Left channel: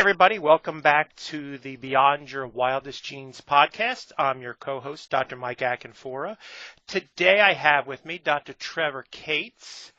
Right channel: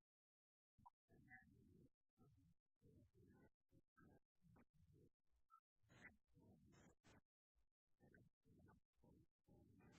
everybody. Welcome back to the Beyond Your Wildest Genes podcast. I'm your co-host, Dr. Mike Akinfora. Today I have with me Dr. Trevor Cates,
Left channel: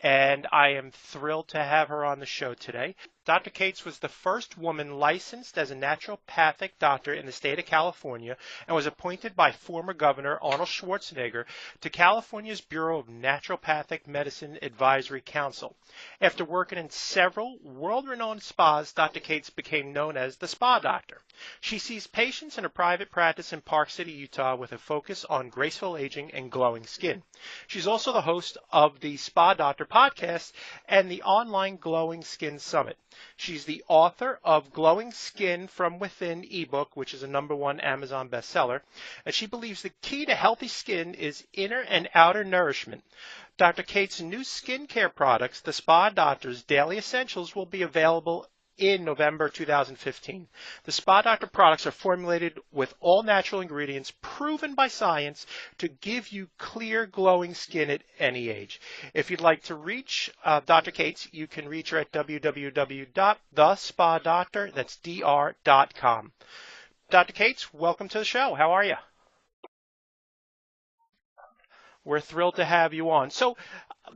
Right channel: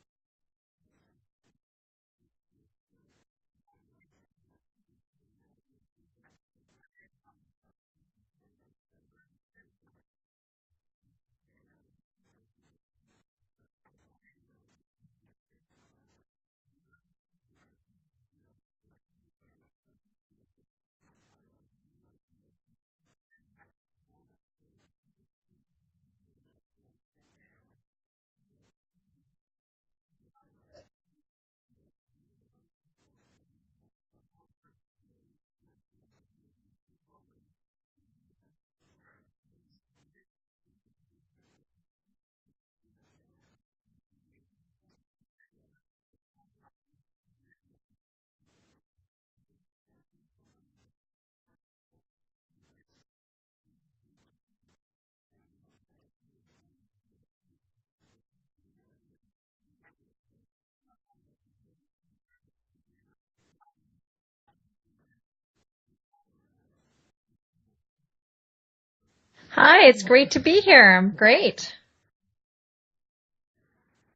and I am thrilled to have her on the show today. Dr. Cates was the first woman licensed as a naturopathic doctor in the state of California and was appointed by former Governor Arnold Schwarzenegger to California's Bureau of Naturopathic Medicine Advisory Council. After working in several world-renowned spas, Dr. Cates became known as the Spa Doctor. She sees patients in a private practice in Park City, Utah, with a focus on graceful aging and glowing skin. She's also the host of the Spa Doctor podcast and the online Glowing Skin Summit. She's the author of Glowing Skin from Within ebook, which is a #1 Amazon bestseller, and she believes the key to healthy skin is inner and outer nourishment. Dr. Cates' new skincare products, the Spa Doctor's Daily Essentials, will be available in November 2015. The Spa Doctor products are formulated with all natural ingredients proven by science to give you clear, glowing skin at any age. If you'd like to reach Dr. Cates, you can reach her at www.thespadoctor.com. Dr. Cates, welcome to the show. How are you? Hi, it's great to be here. I'm great. We're thrilled to have you on. So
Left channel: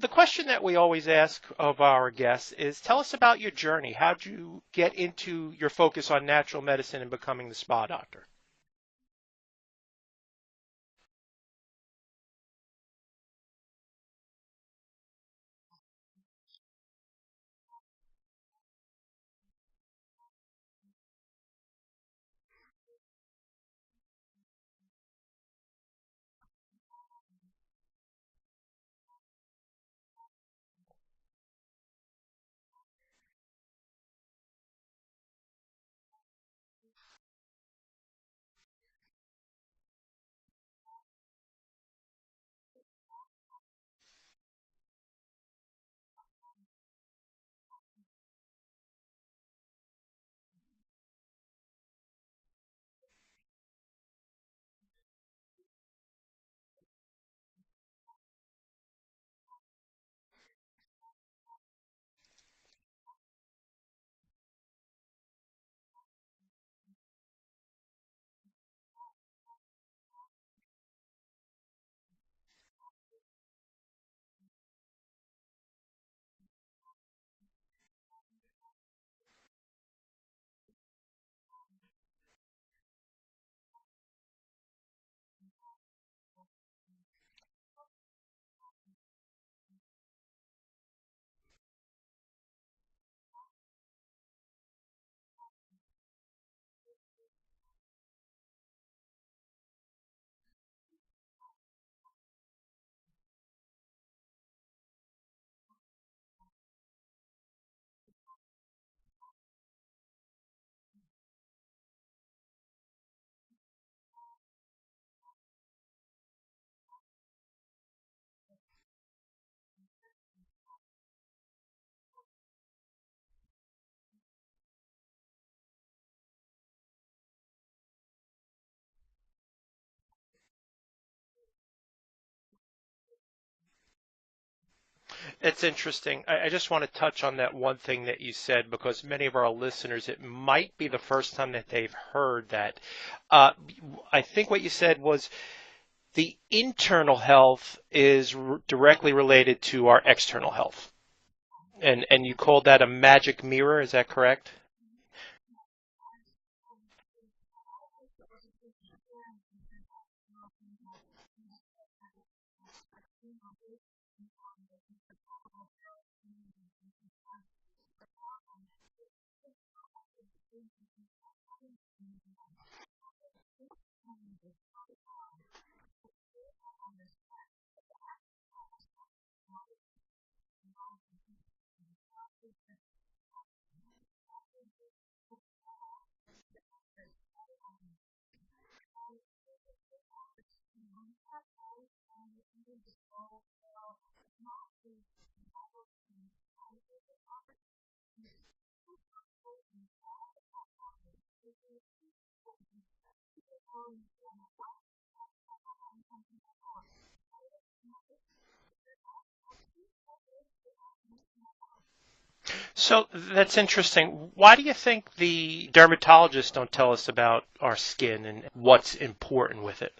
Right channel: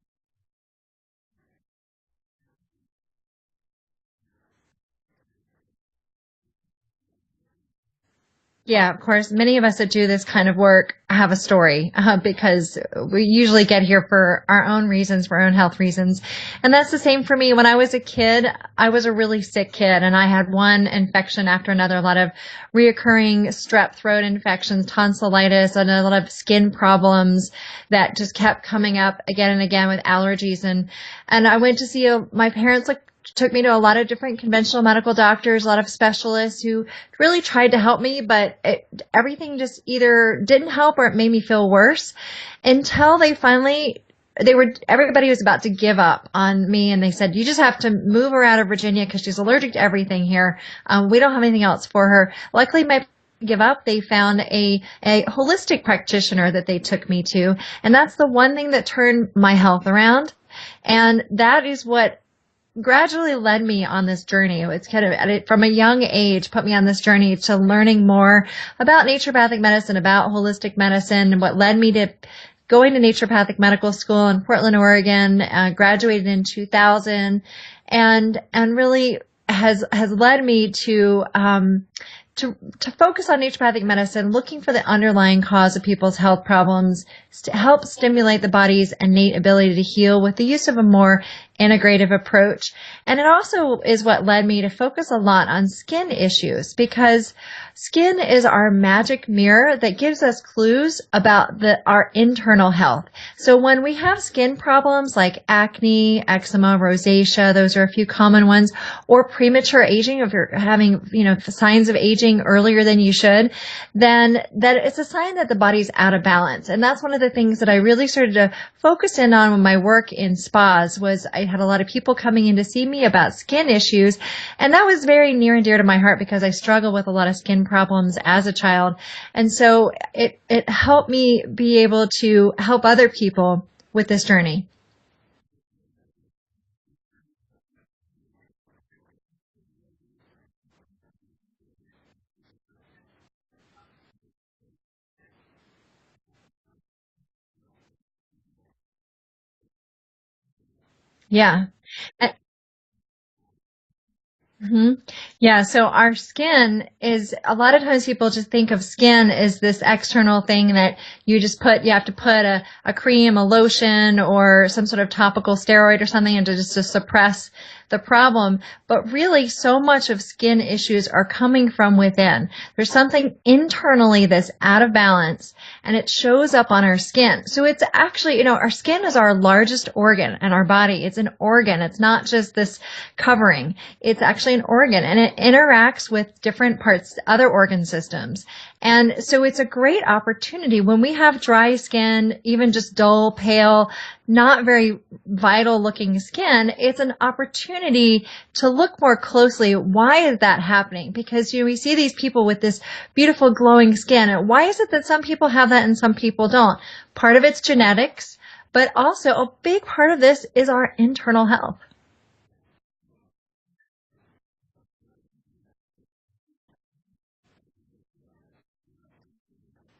the question that we always ask of our guests is, tell us about your journey. How did you get into your focus on natural medicine and becoming the Spa Doctor? Yeah, of course, many of us that do this kind of work have a story because we usually get here for our own reasons, for our own health reasons. And that's the same for me. When I was a kid, I was a really sick kid, and I had one infection after another, a lot of reoccurring strep throat infections, tonsillitis, and a lot of skin problems that just kept coming up again and again with allergies. And I went to see my parents took me to a lot of different conventional medical doctors, a lot of specialists who really tried to help me, but everything just either didn't help or it made me feel worse until everybody was about to give up on me, and they said, you just have to move her out of Virginia because she's allergic to everything here. We don't have anything else for her. Luckily, give up, they found a holistic practitioner that they took me to, and that's the one thing that turned my health around, and that is what gradually led me on this journey. It's kind of from a young age put me on this journey to learning more about naturopathic medicine, about holistic medicine, and what led me to going to naturopathic medical school in Portland, Oregon, graduated in 2000, and really has led me to focus on naturopathic medicine, looking for the underlying cause of people's health problems, to help stimulate the body's innate ability to heal with the use of a more integrative approach. And it also is what led me to focus a lot on skin issues, because skin is our magic mirror that gives us clues about our internal health. So when we have skin problems like acne, eczema, rosacea, those are a few common ones, or premature aging, if you're having, signs of aging earlier than you should, then that it's a sign that the body's out of balance. And that's one of the things that I really started to focus in on with my work in spas. Was I had a lot of people coming in to see me about skin issues, and that was very near and dear to my heart because I struggled with a lot of skin problems as a child. And so it helped me be able to help other people with this journey. It's interesting. I just want to touch on that one thing that you said, because many of our listeners, it might be the first time that they've heard that. I think what you said was the internal health is directly related to our external health. Yeah. And you called that a magic mirror, is that correct? Mm-hmm. Yeah, so our skin is, a lot of times people just think of skin as this external thing that you have to put a cream, a lotion, or some sort of topical steroid or something and to suppress the problem. But really, so much of skin issues are coming from within. There's something internally that's out of balance, and it shows up on our skin. So it's actually, our skin is our largest organ in our body. It's an organ. It's not just this covering. It's actually an organ, and it interacts with different parts, other organ systems. And so it's a great opportunity when we have dry skin, even just dull, pale, not very vital looking skin. It's an opportunity to look more closely. Why is that happening? Because we see these people with this beautiful glowing skin. And why is it that some people have that and some people don't? Part of it's genetics, but also a big part of this is our internal health. So that's interesting. Why do you think the dermatologists don't tell us about our skin and what's important with it?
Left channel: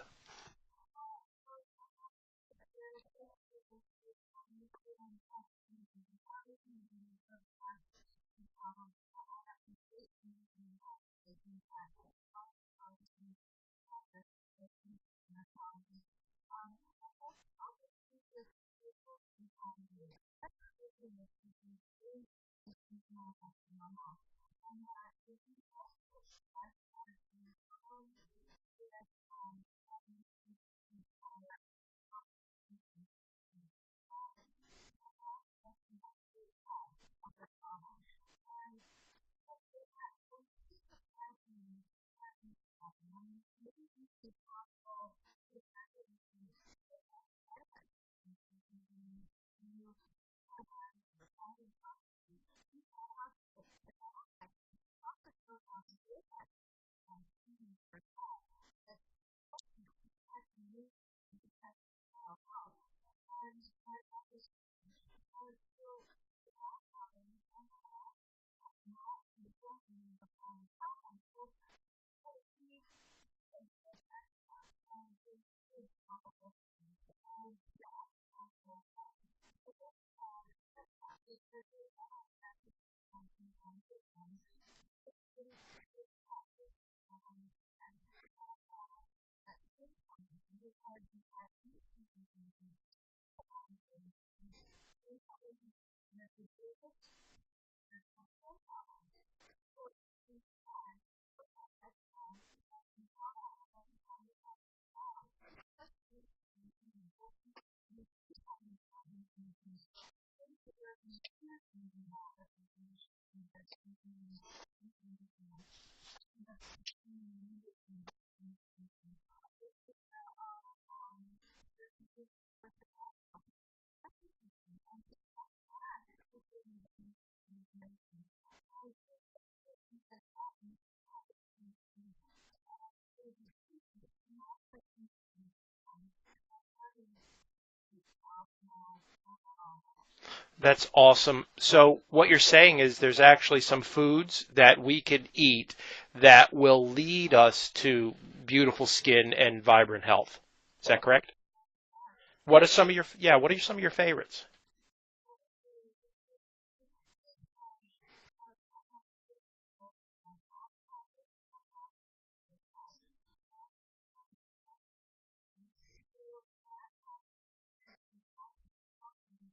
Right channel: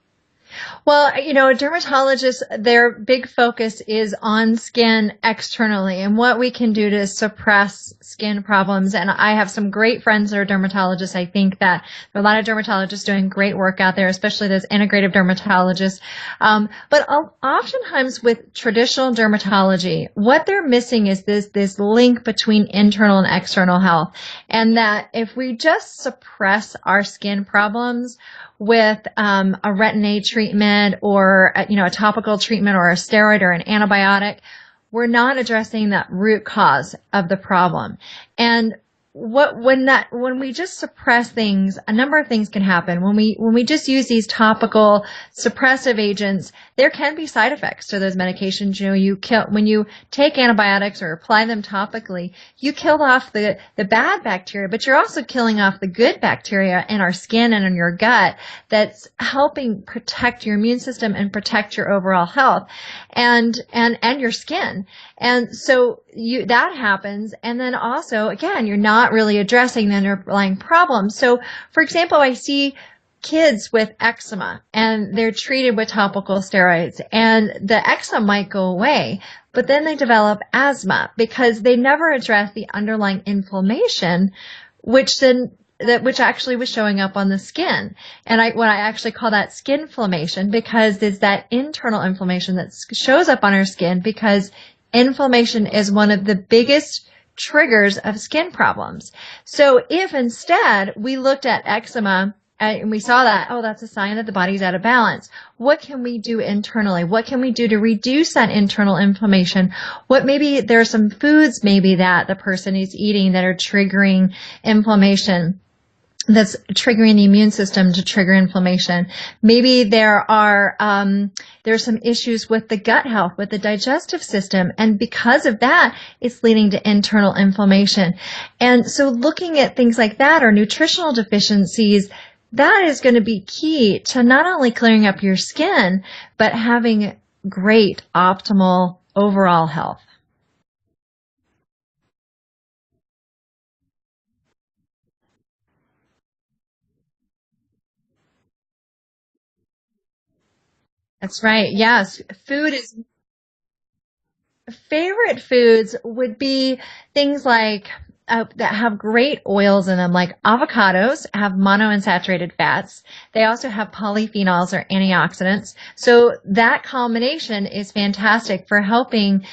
Well, dermatologists, their big focus is on skin externally and what we can do to suppress skin problems. And I have some great friends that are dermatologists. I think that there are a lot of dermatologists doing great work out there, especially those integrative dermatologists. But oftentimes with traditional dermatology, what they're missing is this link between internal and external health. And that if we just suppress our skin problems, with a retin-A treatment or a topical treatment or a steroid or an antibiotic, we're not addressing that root cause of the problem. And when we just suppress things, a number of things can happen. When we just use these topical suppressive agents, there can be side effects to those medications. When you take antibiotics or apply them topically, you kill off the bad bacteria, but you're also killing off the good bacteria in our skin and in your gut that's helping protect your immune system and protect your overall health and your skin. And so that happens. And then also, again, you're not really addressing the underlying problems. So, for example, I see kids with eczema and they're treated with topical steroids and the eczema might go away, but then they develop asthma because they never address the underlying inflammation, which actually was showing up on the skin. And what I actually call that skin inflammation, because it's that internal inflammation that shows up on our skin, because inflammation is one of the biggest triggers of skin problems. So if instead we looked at eczema and we saw that, oh, that's a sign that the body's out of balance. What can we do internally? What can we do to reduce that internal inflammation? Maybe there are some foods maybe that the person is eating that are triggering inflammation, that's triggering the immune system to trigger inflammation. Maybe there's some issues with the gut health, with the digestive system, and because of that, it's leading to internal inflammation. And so looking at things like that or nutritional deficiencies, that is going to be key to not only clearing up your skin, but having great optimal overall health. That's awesome. So what you're saying is there's actually some foods that we could eat that will lead us to beautiful skin and vibrant health. Is that correct? That's right. Yes. What are some of your favorites? Favorite foods would be things like that have great oils in them, like avocados have monounsaturated fats. They also have polyphenols or antioxidants. So that combination is fantastic for helping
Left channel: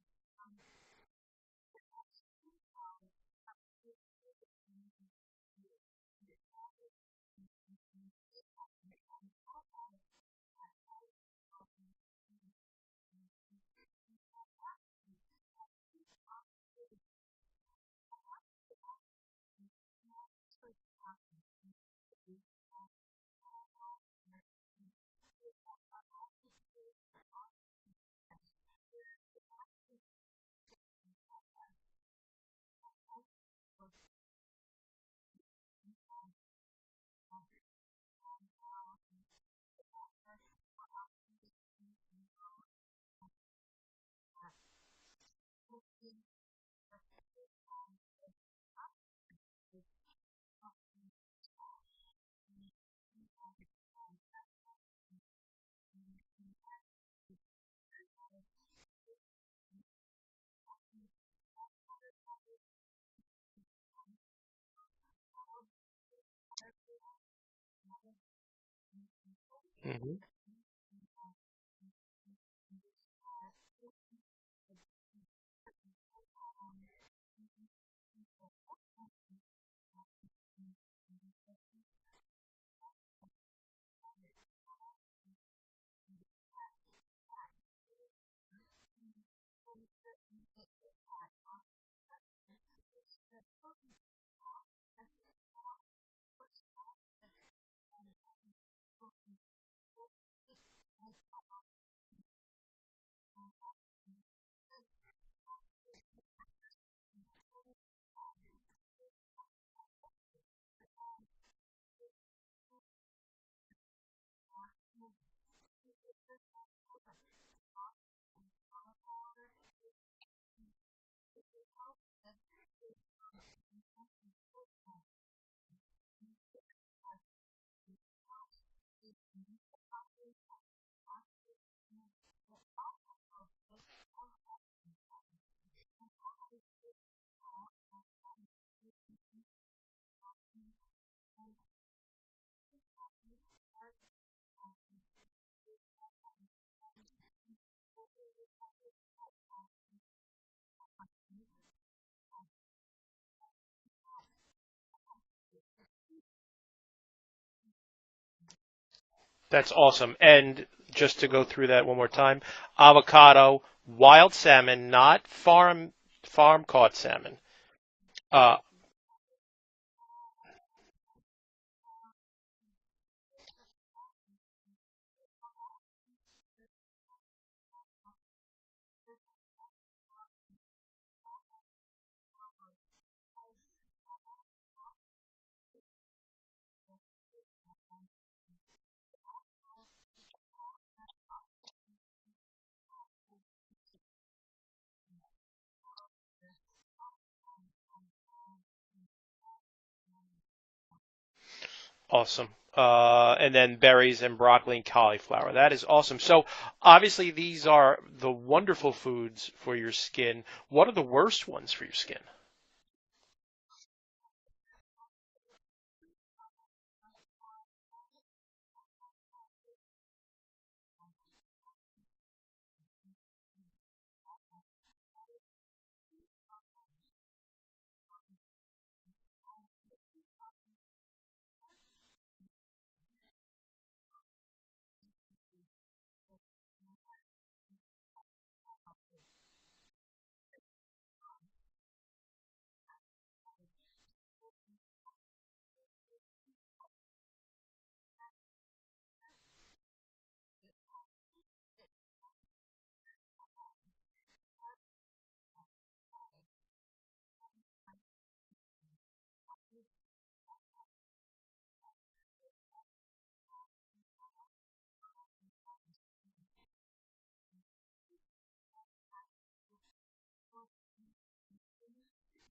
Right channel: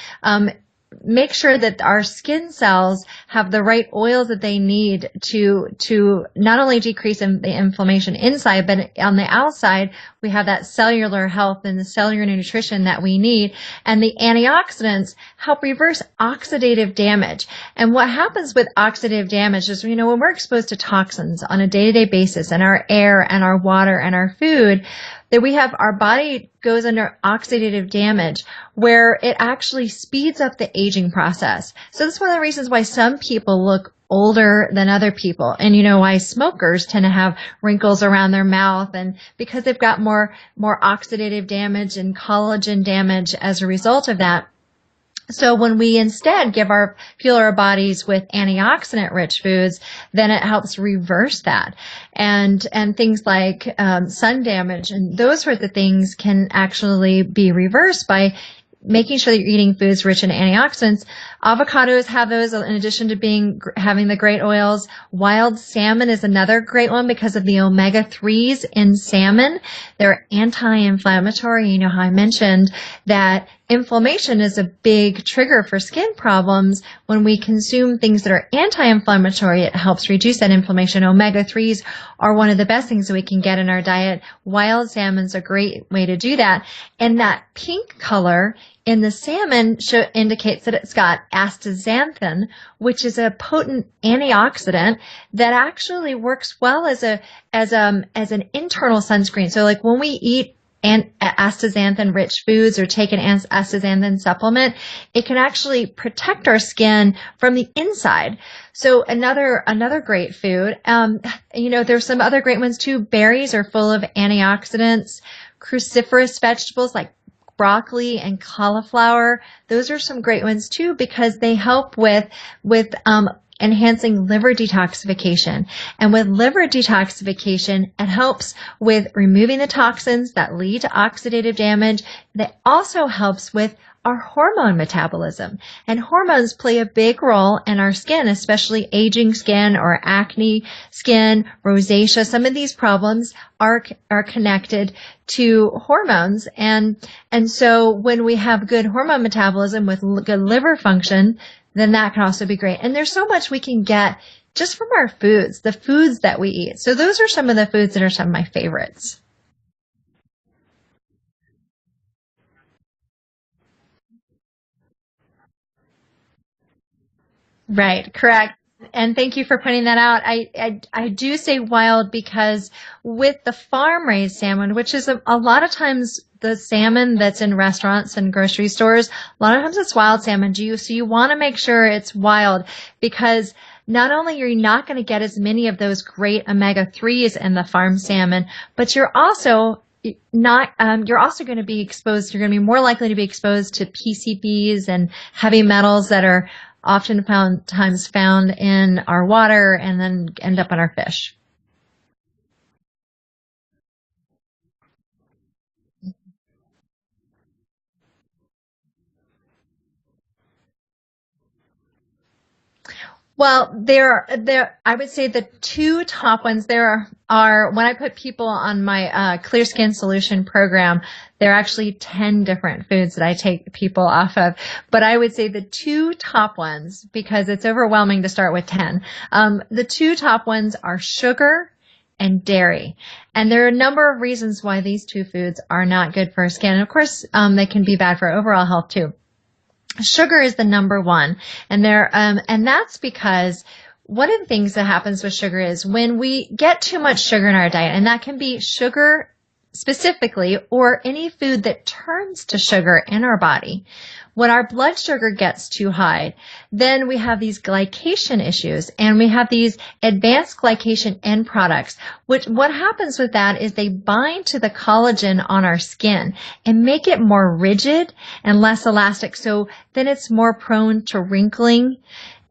make sure that our skin cells have the right oils that they need to not only decrease the inflammation inside, but on the outside, we have that cellular health and the cellular nutrition that we need. And the antioxidants help reverse oxidative damage. And what happens with oxidative damage is, when we're exposed to toxins on a day-to-day basis in our air and our water and our food, that our body goes under oxidative damage where it actually speeds up the aging process. So that's one of the reasons why some people look older than other people. And why smokers tend to have wrinkles around their mouth, and because they've got more oxidative damage and collagen damage as a result of that. So when we instead fuel our bodies with antioxidant rich foods, then it helps reverse that. And things like sun damage and those sorts of things can actually be reversed by making sure that you're eating foods rich in antioxidants. Avocados have those in addition to having the great oils. Wild salmon is another great one because of the omega-3s in salmon. They're anti-inflammatory. You know how I mentioned that inflammation is a big trigger for skin problems. When we consume things that are anti-inflammatory, it helps reduce that inflammation. Omega-3s are one of the best things that we can get in our diet. Wild salmon's a great way to do that. And that pink color in the salmon indicates that it's got astaxanthin, which is a potent antioxidant that actually works well as an internal sunscreen. So like when we eat astaxanthin rich foods or take an astaxanthin supplement, it can actually protect our skin from the inside. So another great food. There's some other great ones too. Berries are full of antioxidants. Cruciferous vegetables like broccoli and cauliflower. Those are some great ones too because they help with enhancing liver detoxification. And with liver detoxification, it helps with removing the toxins that lead to oxidative damage. That also helps with our hormone metabolism. And hormones play a big role in our skin, especially aging skin or acne skin, rosacea. Some of these problems are connected to hormones. And so when we have good hormone metabolism with good liver function, then that can also be great. And there's so much we can get just from our foods, the foods that we eat. So those are some of the foods that are some of my favorites. That's awesome. And just to go through that one more time, avocado, wild salmon, not farm caught salmon. Right, correct. And thank you for pointing that out. I do say wild because with the farm raised salmon, which is a lot of times the salmon that's in restaurants and grocery stores, a lot of times it's wild salmon. So you want to make sure it's wild because not only are you not going to get as many of those great omega-3s in the farm salmon, but you're also going to be exposed, you're going to be more likely to be exposed to PCBs and heavy metals that are oftentimes found in our water and then end up in our fish. Awesome. And then berries and broccoli and cauliflower. That is awesome. So obviously these are the wonderful foods for your skin. What are the worst ones for your skin? Well, I would say the two top ones there are when I put people on my Clear Skin Solution program, there are actually 10 different foods that I take people off of. But I would say the two top ones, because it's overwhelming to start with 10, the two top ones are sugar and dairy. And there are a number of reasons why these two foods are not good for our skin. And of course, they can be bad for overall health too. Sugar is the number one, and that's because one of the things that happens with sugar is when we get too much sugar in our diet, and that can be sugar specifically or any food that turns to sugar in our body. When our blood sugar gets too high, then we have these glycation issues and we have these advanced glycation end products, which what happens with that is they bind to the collagen on our skin and make it more rigid and less elastic. So then it's more prone to wrinkling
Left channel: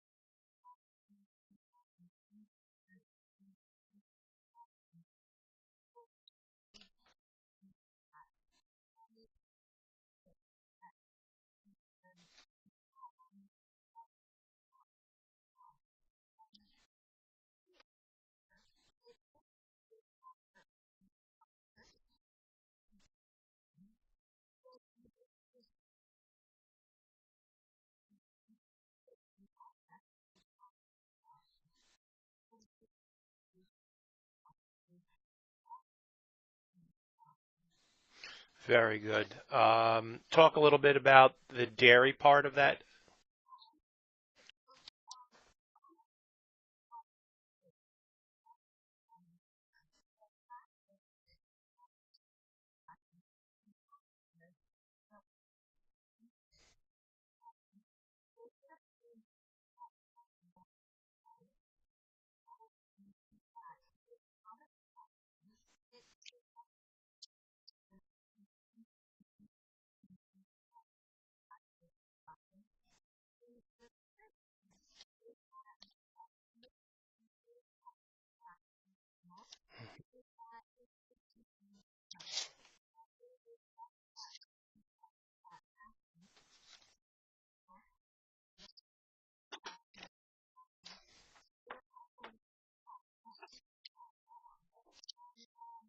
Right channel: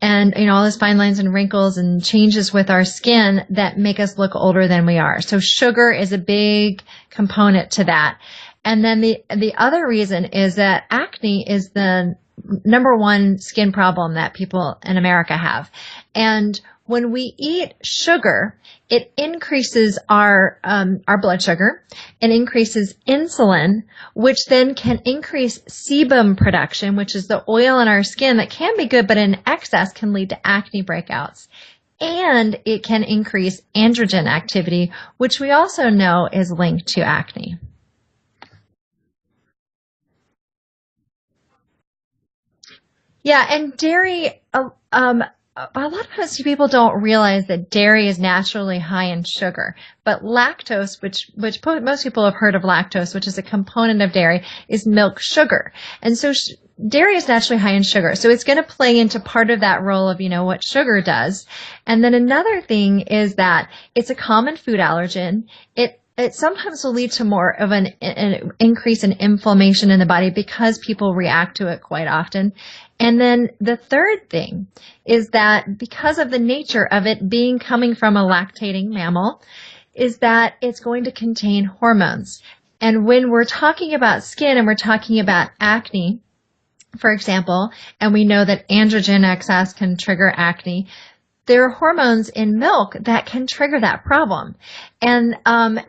and, all those fine lines and wrinkles and changes with our skin that make us look older than we are. So sugar is a big component to that. And then the other reason is that acne is the number one skin problem that people in America have. And when we eat sugar, it increases our blood sugar and increases insulin, which then can increase sebum production, which is the oil in our skin that can be good, but in excess can lead to acne breakouts. And it can increase androgen activity, which we also know is linked to acne. Very good. Talk a little bit about the dairy part of that. Yeah, and dairy, a lot of times people don't realize that dairy is naturally high in sugar. But lactose, which most people have heard of lactose, which is a component of dairy, is milk sugar. And so dairy is naturally high in sugar. So it's going to play into part of that role of, what sugar does. And then another thing is that it's a common food allergen. It sometimes will lead to more of an increase in inflammation in the body because people react to it quite often. And then the third thing is that because of the nature of it coming from a lactating mammal, is that it's going to contain hormones. And when we're talking about skin and we're talking about acne, for example, and we know that androgen excess can trigger acne, there are hormones in milk that can trigger that problem. And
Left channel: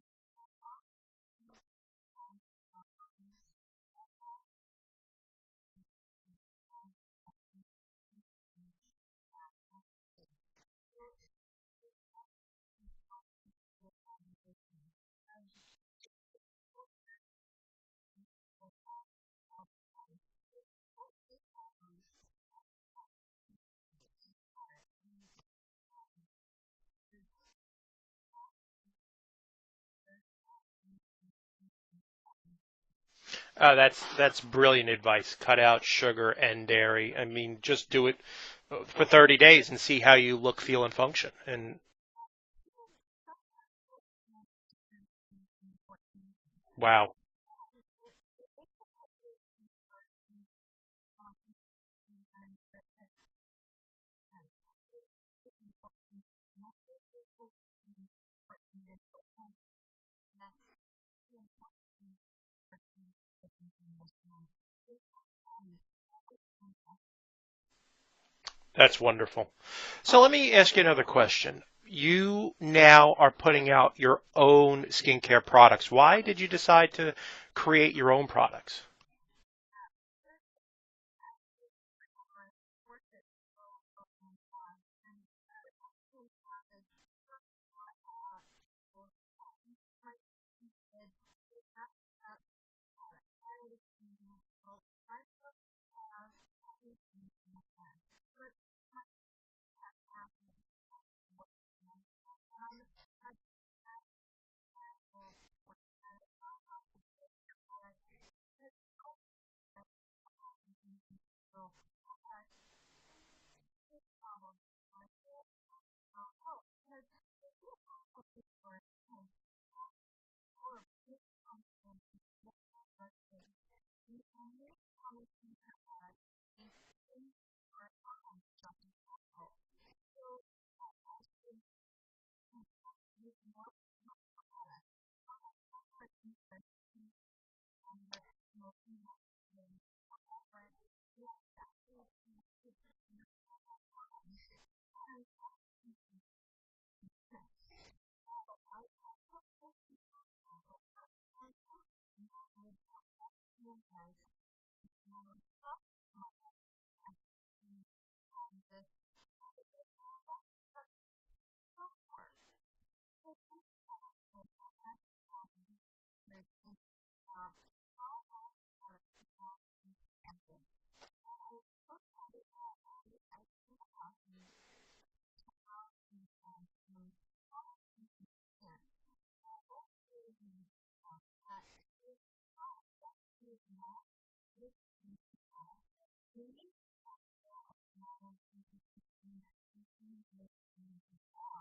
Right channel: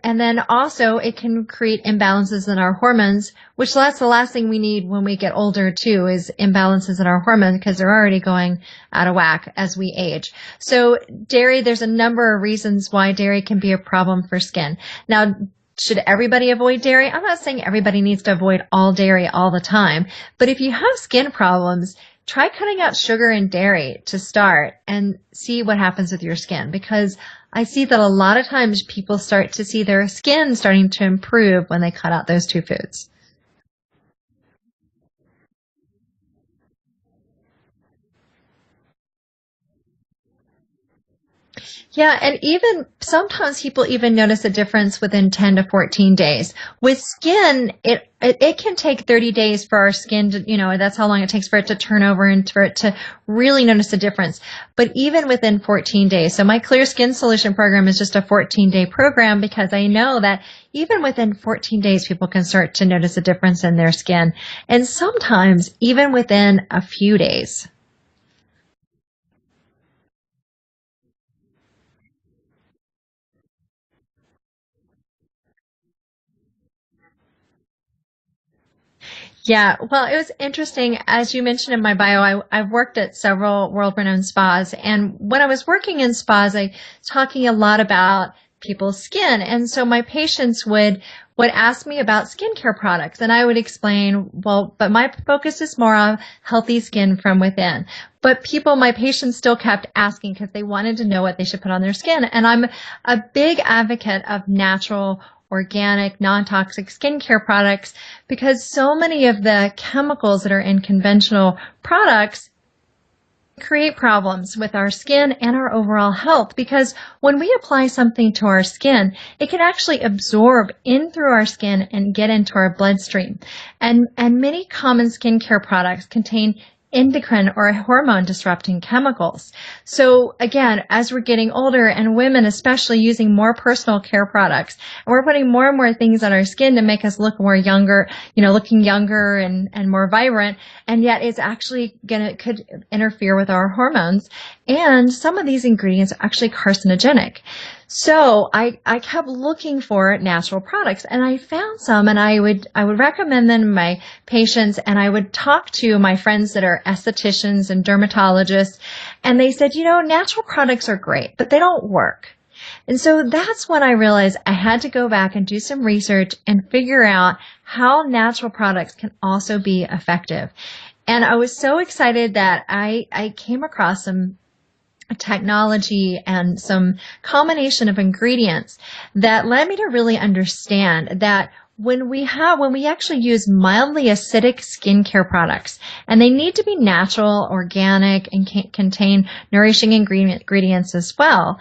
then also it can create imbalances in our hormones, which that's the last thing we need when we get older too, is imbalances in our hormones because they're already going out of whack as we age. So dairy, there's a number of reasons why dairy can be a problem for skin. Now, should everybody avoid dairy? I'm not saying everybody needs to avoid all dairy all the time, but if you have skin problems, try cutting out sugar and dairy to start and see what happens with your skin, because I see that a lot of times people start to see their skin starting to improve when they cut out those two foods. That's brilliant advice. Cut out sugar and dairy. I mean, just do it for 30 days and see how you look, feel, and function. And Yeah, and even sometimes people even notice a difference within 10 to 14 days. With wow, skin, it can take 30 days for our skin to, that's how long it takes for it to turn over and for it to really notice a difference. But even within 14 days, so my Clear Skin Solution program is just a 14-day program because I know that even within 14 days, people can start to notice a difference in their skin. And sometimes even within a few days. that's wonderful. So let me ask you another question. You now are putting out your own skincare products. Why did you decide to create your own products? Yeah, well, it was interesting. As you mentioned in my bio, I've worked at several world-renowned spas. And when I was working in spas, I was talking a lot about people's skin. And so my patients would ask me about skincare products. And I would explain, well, but my focus is more on healthy skin from within. But my patients still kept asking because they wanted to know what they should put on their skin. And I'm a big advocate of natural, organic, non-toxic skincare products because so many of the chemicals that are in conventional products create problems with our skin and our overall health because when we apply something to our skin, it can actually absorb in through our skin and get into our bloodstream. And many common skincare products contain endocrine or hormone disrupting chemicals. So again, as we're getting older and women especially using more personal care products, and we're putting more and more things on our skin to make us look more younger, looking younger and more vibrant, and yet it's actually could interfere with our hormones. And some of these ingredients are actually carcinogenic. So I kept looking for natural products and I found some and I would recommend them to my patients and I would talk to my friends that are estheticians and dermatologists and they said, natural products are great, but they don't work. And so that's when I realized I had to go back and do some research and figure out how natural products can also be effective. And I was so excited that I came across some technology and some combination of ingredients that led me to really understand that when we actually use mildly acidic skincare products, and they need to be natural, organic, and contain nourishing ingredients as well.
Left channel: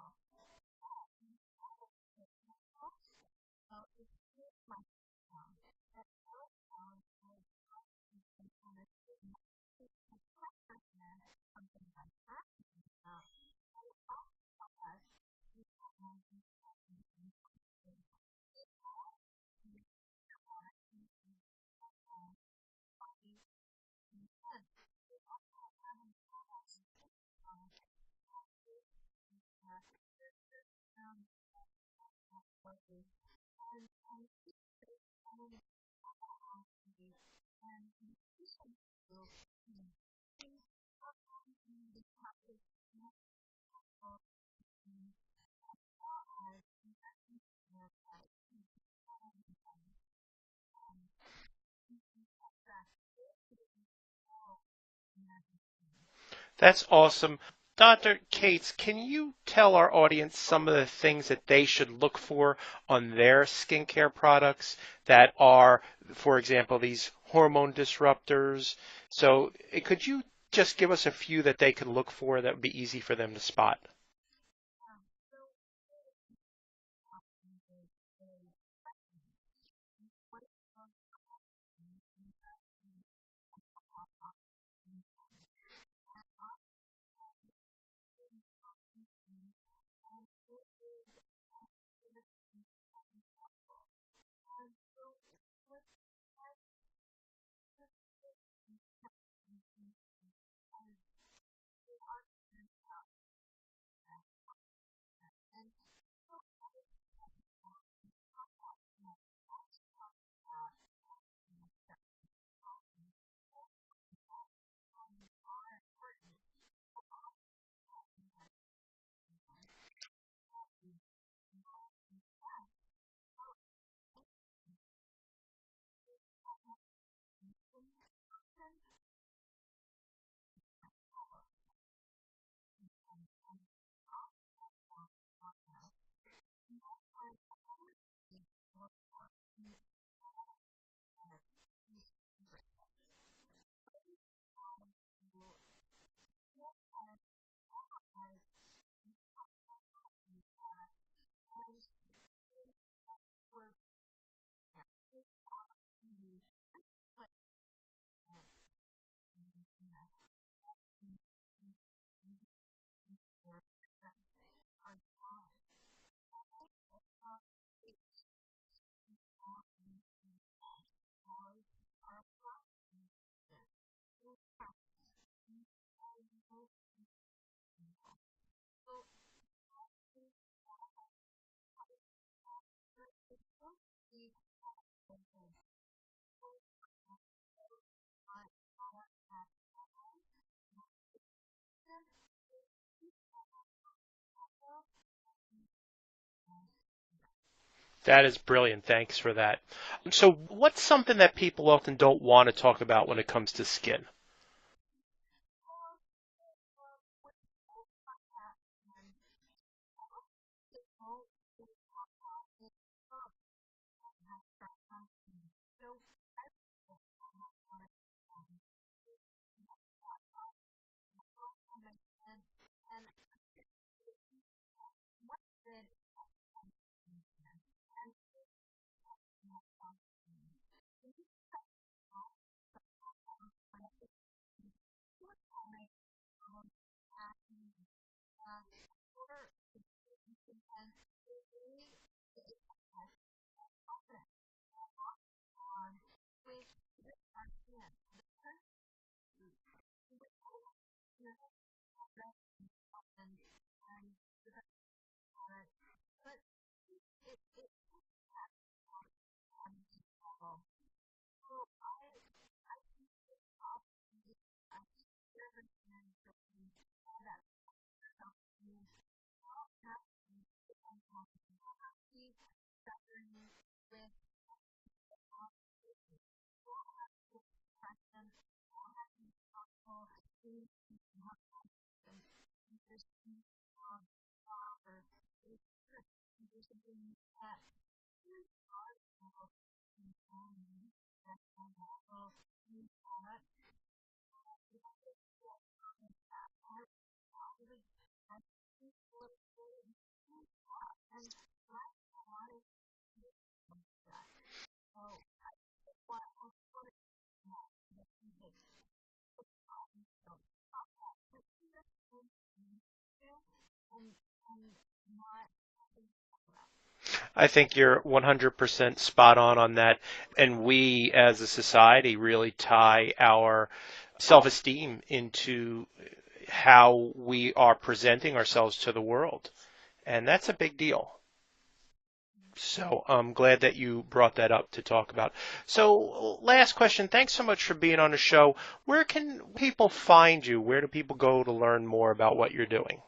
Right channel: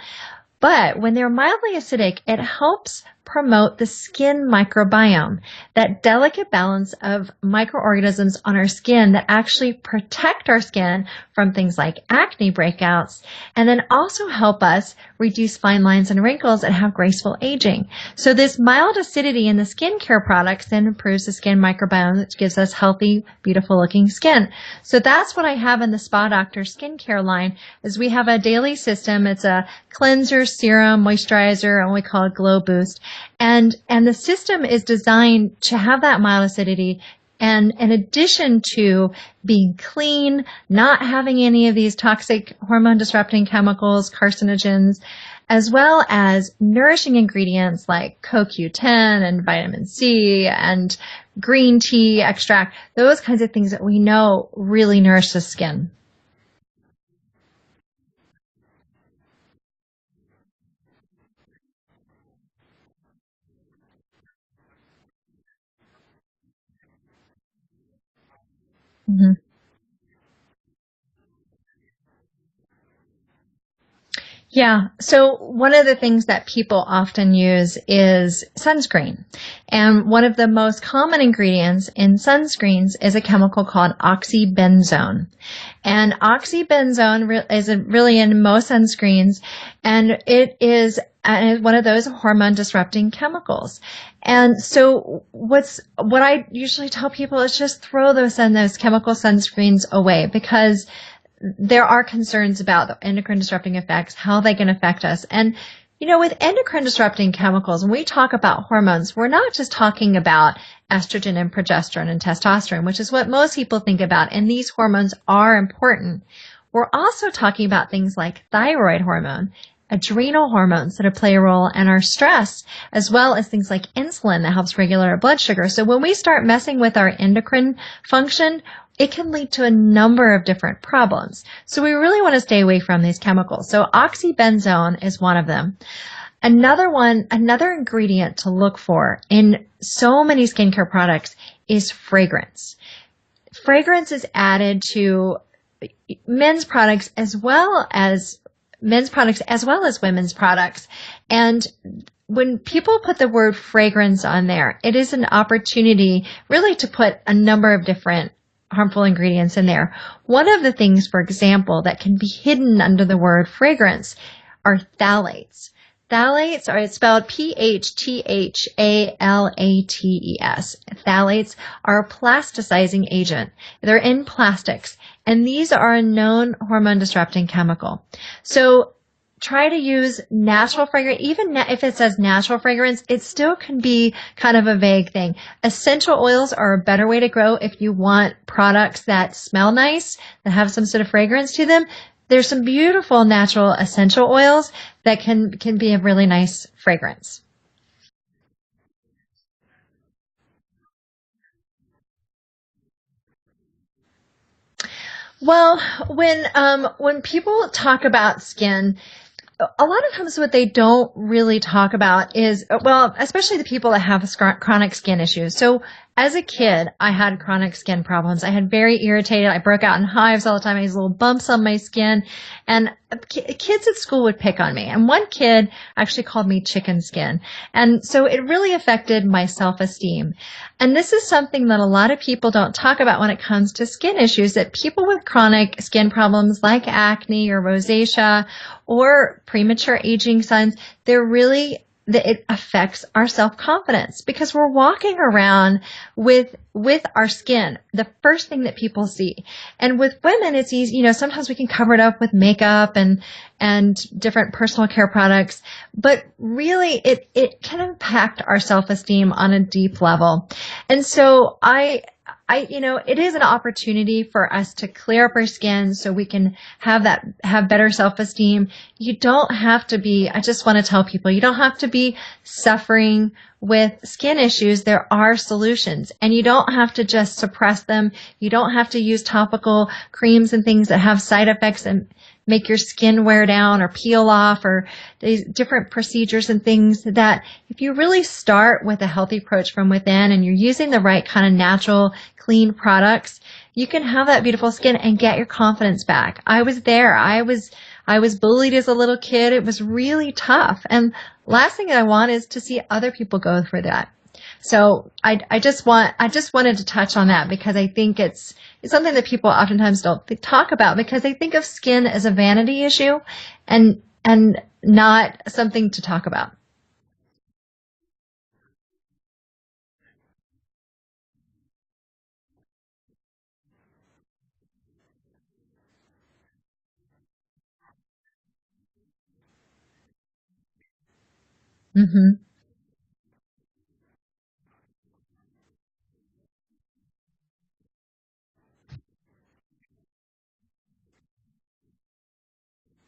But when they're mildly acidic, it helps promote the skin microbiome, that delicate balance of microorganisms on our skin that actually protect our skin from things like acne breakouts, and then also help us reduce fine lines and wrinkles and have graceful aging. So this mild acidity in the skincare products then improves the skin microbiome, which gives us healthy, beautiful looking skin. So that's what I have in the Spa Doctor skincare line is we have a daily system. It's a cleanser, serum, moisturizer, and we call it Glow Boost. And the system is designed to have that mild acidity. And in addition to being clean, not having any of these toxic hormone disrupting chemicals, carcinogens, as well as nourishing ingredients like CoQ10 and vitamin C and green tea extract, those kinds of things that we know really nourish the skin. That's awesome. Dr. Cates, can you tell our audience some of the things that they should look for on their skincare products that are, for example, these hormone disruptors? Mm-hmm. So could you just give us a few that they can look for that would be easy for them to spot? Yeah. So one of the things that people often use is sunscreen. And one of the most common ingredients in sunscreens is a chemical called oxybenzone. And oxybenzone is really in most sunscreens, and it is one of those hormone disrupting chemicals. And so what I usually tell people is just throw those chemical sunscreens away because there are concerns about the endocrine disrupting effects, how they can affect us. And, with endocrine disrupting chemicals, when we talk about hormones, we're not just talking about estrogen and progesterone and testosterone, which is what most people think about. And these hormones are important. We're also talking about things like thyroid hormone, adrenal hormones that play a role in our stress, as well as things like insulin that helps regulate our blood sugar. So when we start messing with our endocrine function, it can lead to a number of different problems. So we really want to stay away from these chemicals. So oxybenzone is one of them. Another ingredient to look for in so many skincare products is fragrance. Fragrance is added to men's products as well as women's products. And when people put the word fragrance on there, it is an opportunity really to put a number of different harmful ingredients in there. One of the things, for example, that can be hidden under the word fragrance are phthalates. Phthalates are, it's spelled Phthalates. Phthalates are a plasticizing agent. They're in plastics, and these are a known hormone disrupting chemical. So try to use natural fragrance. Even if it says natural fragrance, it still can be kind of a vague thing. Essential oils are a better way to go if you want products that smell nice, that have some sort of fragrance to them. There's some beautiful natural essential oils that can be a really nice fragrance. That is brilliant. Thanks for that. So what's something that people often don't want to talk about when it comes to skin? Well, when people talk about skin, a lot of times what they don't really talk about is, well, especially the people that have chronic skin issues. So as a kid, I had chronic skin problems. I had very irritated. I broke out in hives all the time. I had little bumps on my skin, and kids at school would pick on me. And one kid actually called me chicken skin. And so it really affected my self-esteem. And this is something that a lot of people don't talk about when it comes to skin issues, that people with chronic skin problems like acne or rosacea or premature aging signs, it affects our self-confidence because we're walking around with our skin, the first thing that people see. And with women, it's easy, sometimes we can cover it up with makeup and different personal care products, but really it can impact our self-esteem on a deep level. And so it is an opportunity for us to clear up our skin so we can have better self-esteem. You don't have to be, I just want to tell people, you don't have to be suffering with skin issues. There are solutions, and you don't have to just suppress them. You don't have to use topical creams and things that have side effects and make your skin wear down or peel off, or these different procedures and things that if you really start with a healthy approach from within and you're using the right kind of natural, clean products, you can have that beautiful skin and get your confidence back. I was there. I was bullied as a little kid. It was really tough. And last thing I want is to see other people go through that. So I just wanted to touch on that because I think it's something that people oftentimes don't talk about because they think of skin as a vanity issue and not something to talk about. I think you're 100% spot on that. And we as a society really tie our self-esteem into how we are presenting ourselves to the world. And that's a big deal. Mm-hmm. So I'm glad that you brought that up to talk about. So last question. Thanks so much for being on the show. Where can people find you? Where do people go to learn more about what you're doing?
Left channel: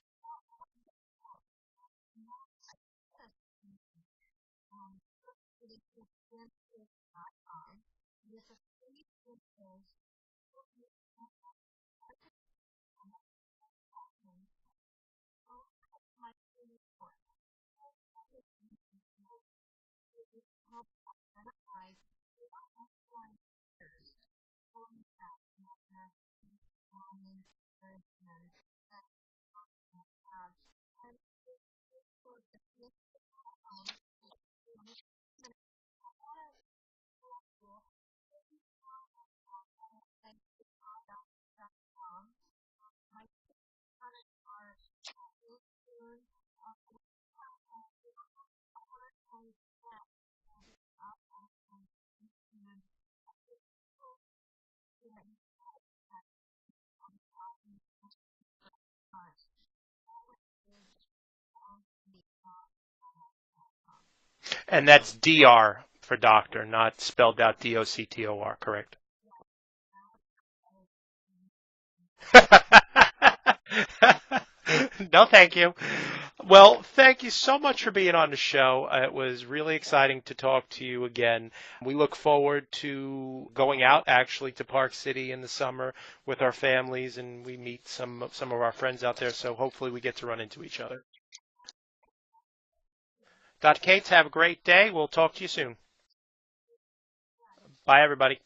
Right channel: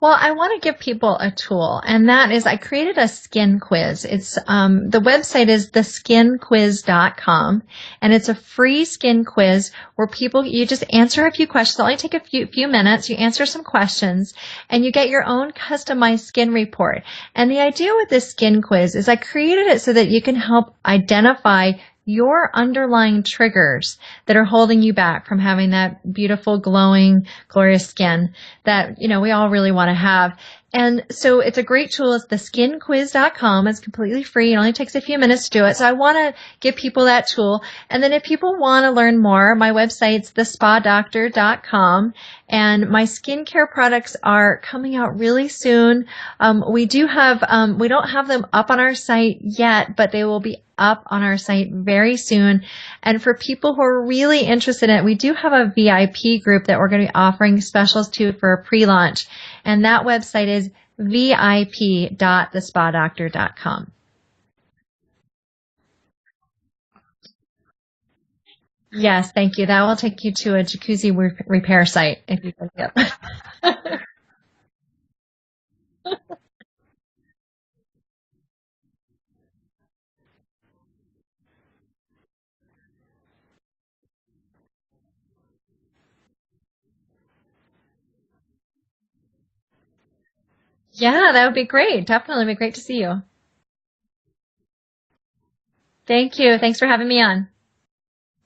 Well, I want to give people a tool, and that is I created a skin quiz. It's the website is theskinquiz.com, and it's a free skin quiz where you just answer a few questions. It'll only take a few minutes. You answer some questions, and you get your own customized skin report. And the idea with this skin quiz is I created it so that you can help identify your underlying triggers that are holding you back from having that beautiful, glowing, glorious skin that, we all really want to have. And so it's a great tool. It's theskinquiz.com. It's completely free. It only takes a few minutes to do it. So I want to give people that tool. And then if people want to learn more, my website's thespadoctor.com. And my skincare products are coming out really soon. We don't have them up on our site yet, but they will be up on our site very soon. And for people who are really interested in it, we do have a VIP group that we're going to be offering specials to for a pre-launch. And that website is vip.thespadoctor.com. And that's DR for doctor, not spelled out DOCTOR, correct? Yes, thank you. That will take you to a jacuzzi repair site. If you look it up. No, thank you. Well, thank you so much for being on the show. It was really exciting to talk to you again. We look forward to going out actually to Park City in the summer with our families, and we meet some of our friends out there. So hopefully we get to run into each other. Yeah, that would be great. Definitely be great to see you. Dr. Cates, have a great day. We'll talk to you soon. Thank you. Thanks for having me on. Bye, everybody.